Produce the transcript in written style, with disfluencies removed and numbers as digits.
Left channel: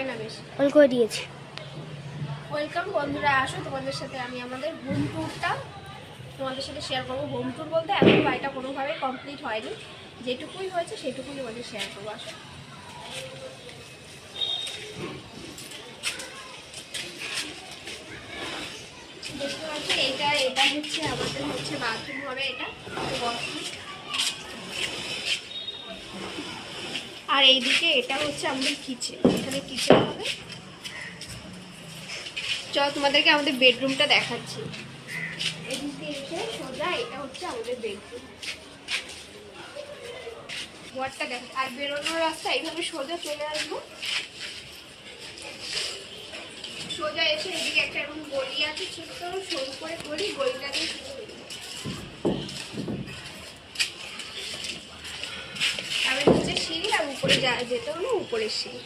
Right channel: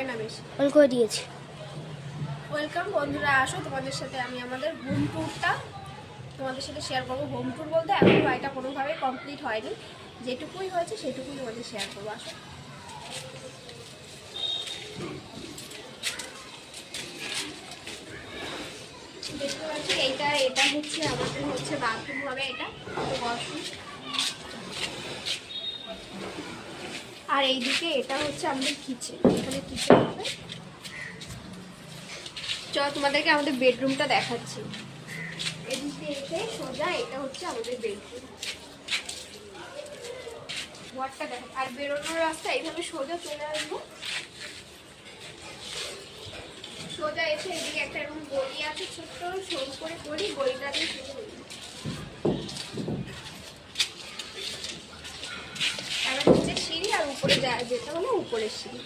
হয় না বেশি। অল করে দিয়েছি। ওয়েলকাম বন্ধুরা, আসো তোমাদের সাথে আমি আমাদের হোম ট্যুরটা তোমাদের সাথে শেয়ার করবো। হোম ট্যুর বলতে এখন বাড়িটা কোনোভাবেই কমপ্লিট হয়নি, যেটুকুই হয়েছে সেটুকুই তোমাদের শেয়ার করবো। আসো দেখতে পাচ্ছি এটা হচ্ছে আমাদের হচ্ছে বাথরুম হবে, এটা ওয়াশরুম। আর এইদিকে এটা হচ্ছে আমাদের কিচেন, এখানে কিচেন হবে। চল তোমাদেরকে আমাদের বেডরুমটা দেখাচ্ছি। এদিকে এসে সোজা এটা হচ্ছে আমাদের বেডরুম, ঘরটা দেখ। আর বেরোনোর রাস্তা এইভাবে সোজা চলে আসবো, সোজা এসে এদিকে একটা এরকম গলি আছে, ছোট্ট সরু করে গলিটা দিয়ে শুরু হয়ে যায়। তারপরে নিচে সিঁড়ি, আর উপরে যেতে হলো উপরের সিঁড়ি।